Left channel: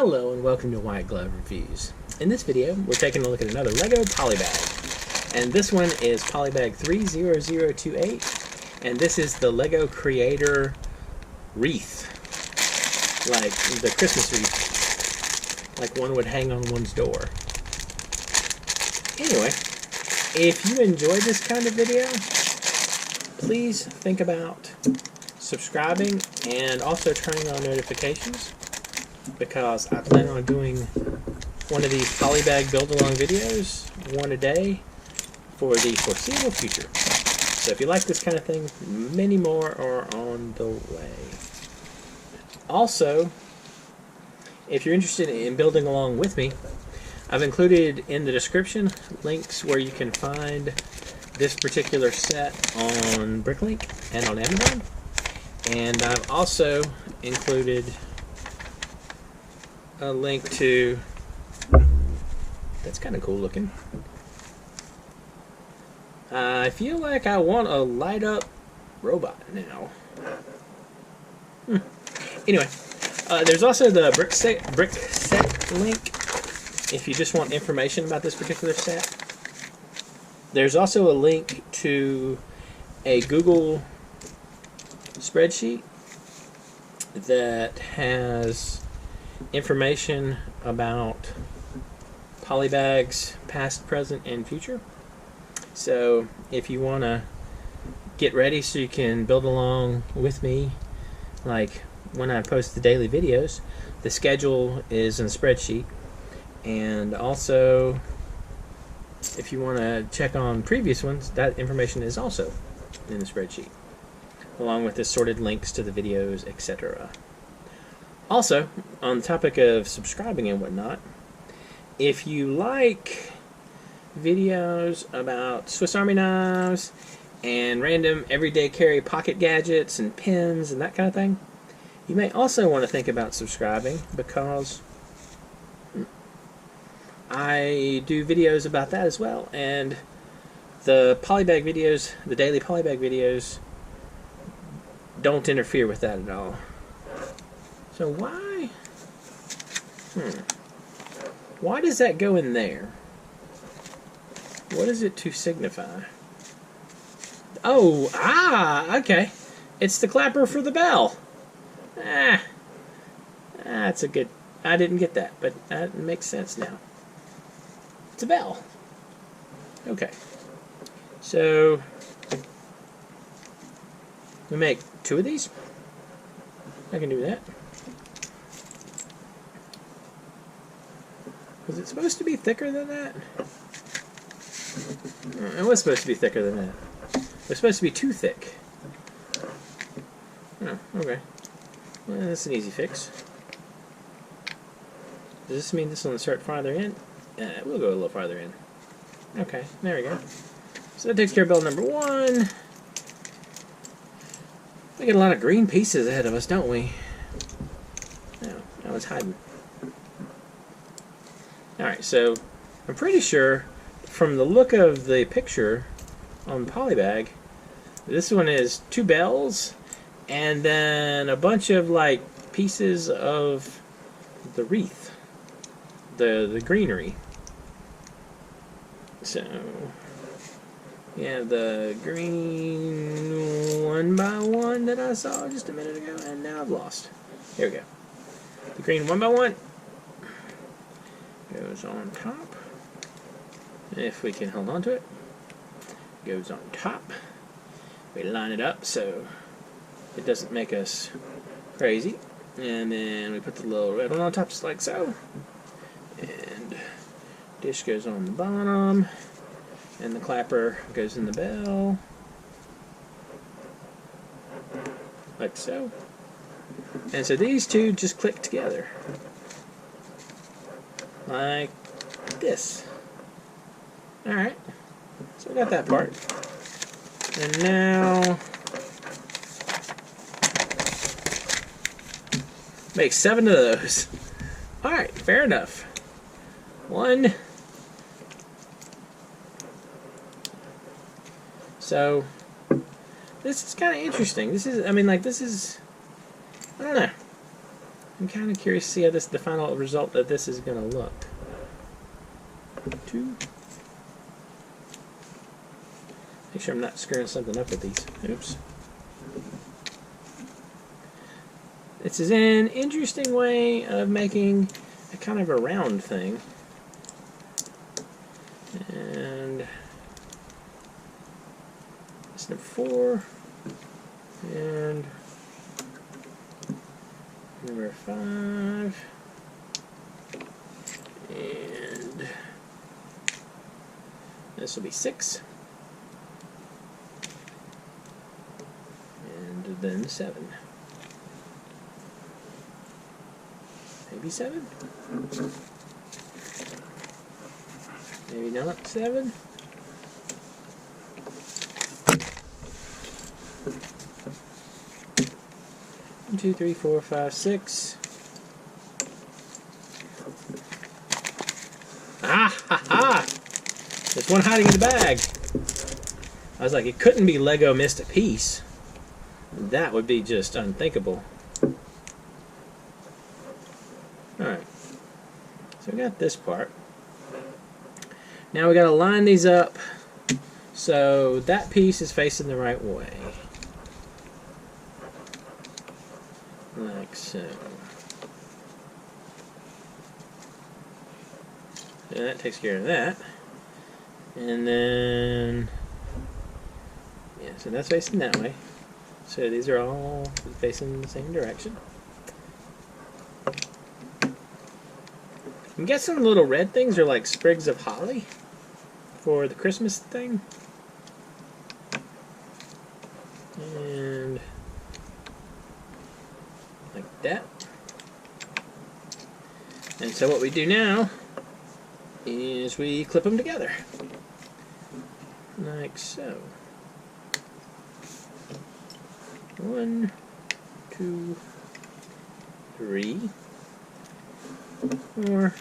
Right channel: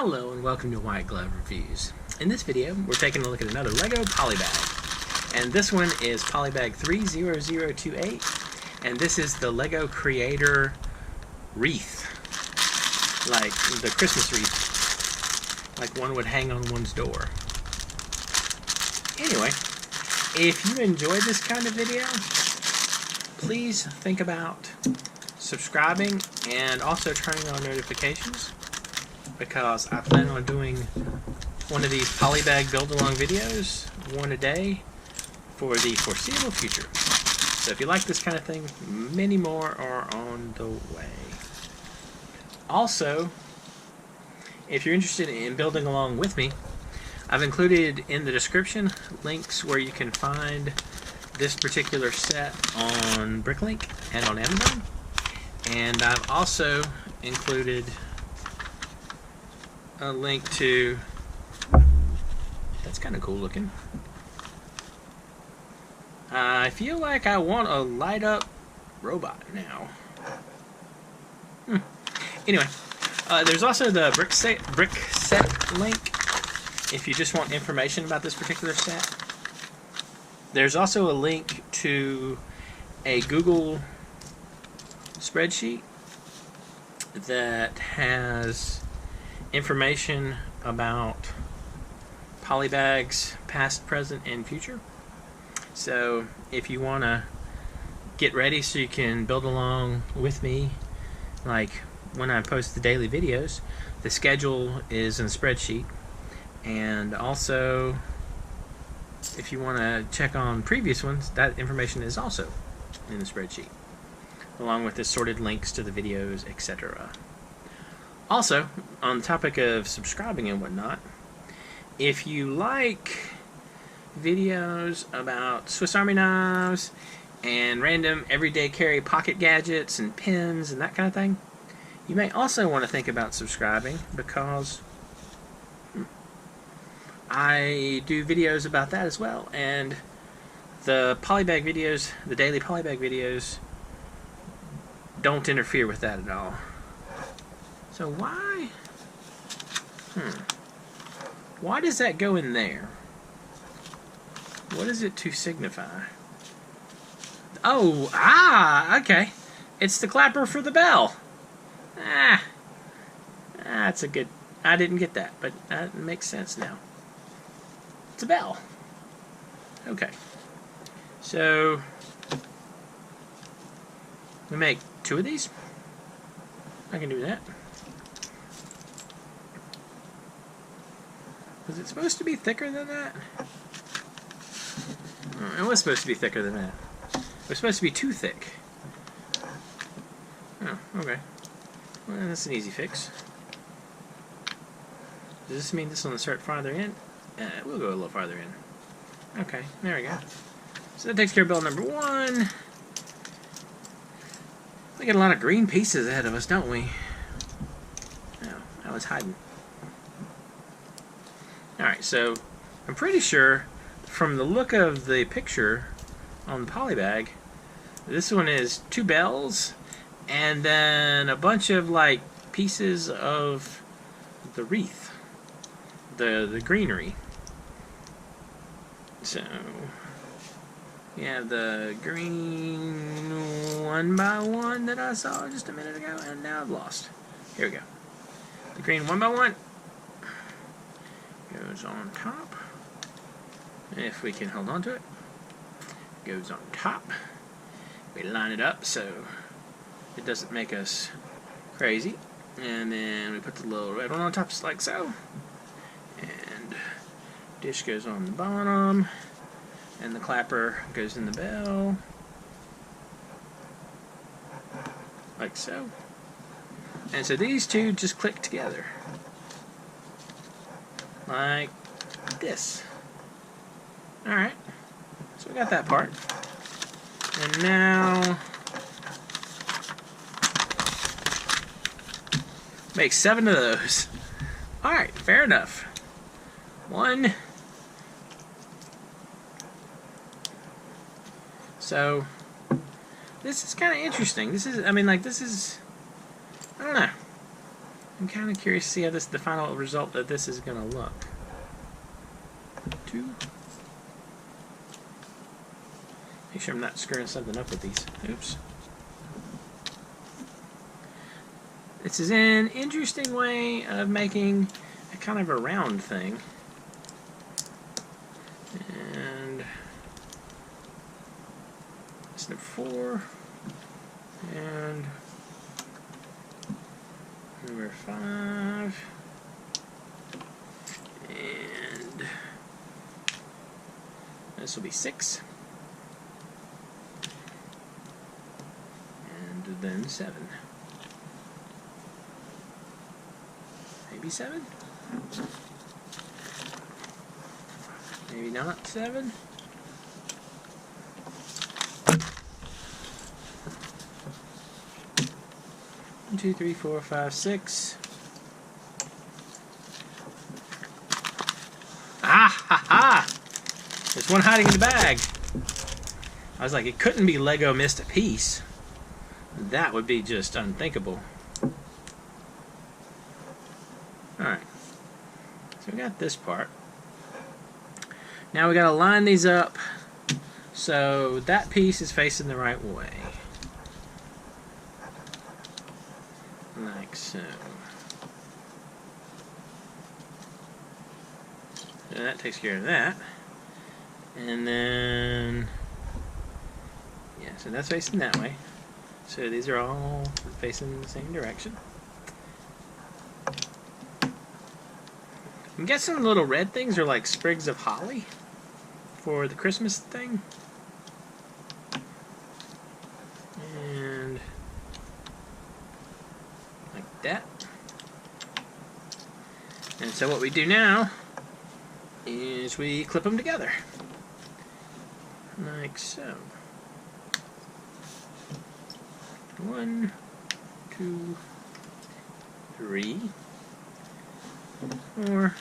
Hello and welcome to White Glove Reviews. In this video, we're taking a look at another LEGO Polybag. And this one is Polybag 30028. And this is the LEGO Creator Wreath. Like the Christmas wreath. Like one would hang on one's door. Anyway, if you enjoyed this kind of video, please think about subscribing and also turning on notifications, because I plan on doing one of these Polybag build-along videos, one a day, for the foreseeable future. So if you like this kind of thing, many more are on the way. Also, if you're interested in building along with me, I've included in the description links where you can find this particular set on Bricklink and on Amazon. And I've also included a link to, that's kind of cool looking. I feel like I want a light up robot now. Anyway, there's also the brick set link if you just want information about this particular set. There's also a link to a Google spreadsheet that has information about Polybags past, present, and future. So if you want to get ready so you can build along with me, like when I post the daily videos, the schedule is in the spreadsheet. And also, if you want to check on previous ones, that information is also in the spreadsheet, along with assorted links to the videos, etc. Also, on the topic of subscribing and whatnot, if you like videos about Swiss Army knives and random everyday carry pocket gadgets and pins and that kind of thing, you may also want to think about subscribing, because I do videos about that as well, and the Polybag videos, the daily Polybag videos, don't interfere with that at all. So why? Why does that go in there? What is it to signify? Oh, okay. It's the clapper for the bell. That's a good, I didn't get that, but that makes sense now. It's a bell. Okay. So we make 2 of these. I can do that. Was it supposed to be thicker than that? It was supposed to be thicker than that. It was supposed to be too thick. Oh, okay. Well, that's an easy fix. Does this mean this will insert farther in? We'll go a little farther in. Okay, there we go. So that takes care of bell number 1. We got a lot of green pieces ahead of us, don't we? No, that was hiding. Alright, so I'm pretty sure from the look of the picture on the Polybag, this one is 2 bells and then a bunch of like pieces of the wreath, the greenery. So you have the green 1x1 that I saw just a minute ago, and now I've lost. Here we go. The green 1x1 goes on top. If we can hold on to it, goes on top. We line it up so it doesn't make us crazy, and then we put the little red one on top, just like so. And dish goes on the bottom, and the clapper goes in the bell, like so. And so these two just click together, like this. Alright, so we got that part. And now make 7 of those. Alright, fair enough. 1. So this is kind of interesting. This is, I mean, like, this is, I don't know. I'm kind of curious to see how the final result of this is going to look. 2. Make sure I'm not screwing something up with these. Oops. This is an interesting way of making a kind of a round thing. And it's number 4. And number 5. And this will be 6. And then 7. Maybe 7? Maybe not 7? One, 2, 3, 4, 5, 6. Ah, ha, ha! There's one hiding in the bag. I was like, it couldn't be Lego missed a piece. That would be just unthinkable. Alright. So we got this part. Now we got to line these up so that piece is facing the right way. Like so. So that takes care of that. And then, yeah, so that's facing that way. So these are all facing the same direction. I'm guessing the little red things are like sprigs of holly for the Christmas thing. And like that. And so what we do now is we clip them together. Like so. 1, 2, 3, 4.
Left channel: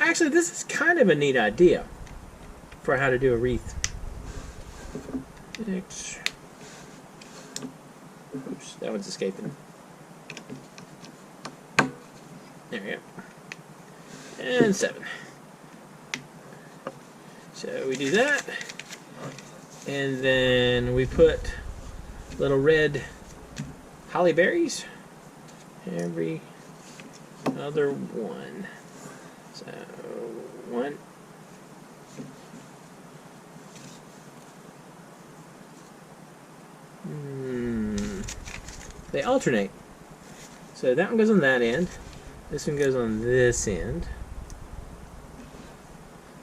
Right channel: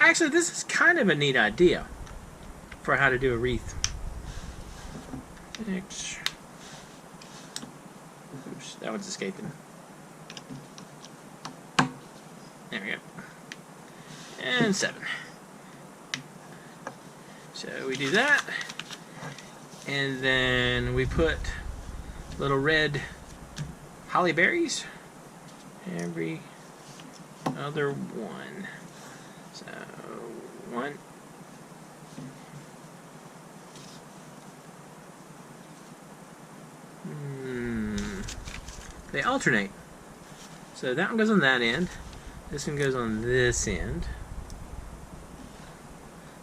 Actually, this is kind of a neat idea for how to do a wreath. 6. Oops, that one's escaping. There we go. And 7. So we do that. And then we put little red holly berries every other one. So 1. They alternate. So that one goes on that end. This one goes on this end.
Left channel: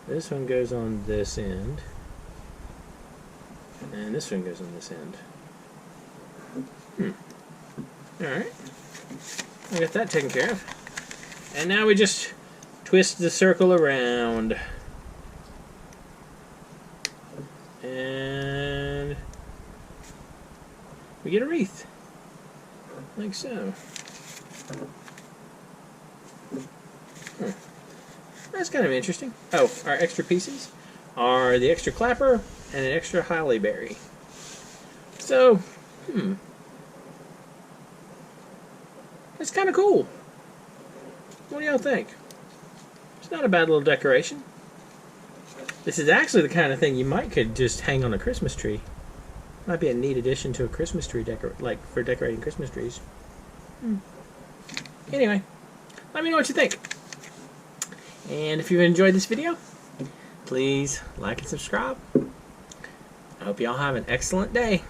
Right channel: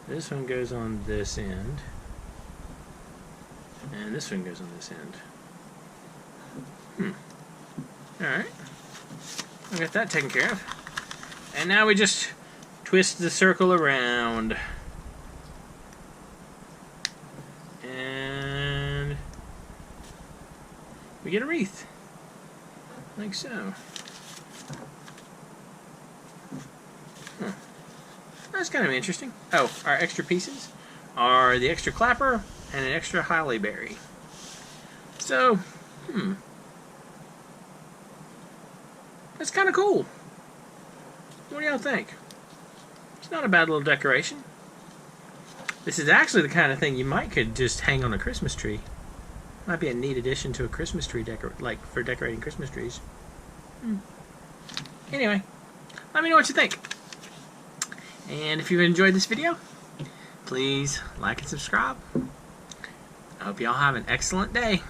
This one goes on this end. And this one goes on this end. Alright. I got that taken care of. And now we just twist the circle around. And we get a wreath. Like so. Huh. That's kind of interesting. Oh, our extra pieces are the extra clapper and an extra holly berry. So, that's kind of cool. What do y'all think? It's not a bad little decoration. This is actually the kind of thing you could just hang on a Christmas tree. Might be a neat addition to a Christmas tree like for decorating Christmas trees. Anyway, let me know what you think. And if you've enjoyed this video, please like and subscribe. I hope y'all have an excellent day.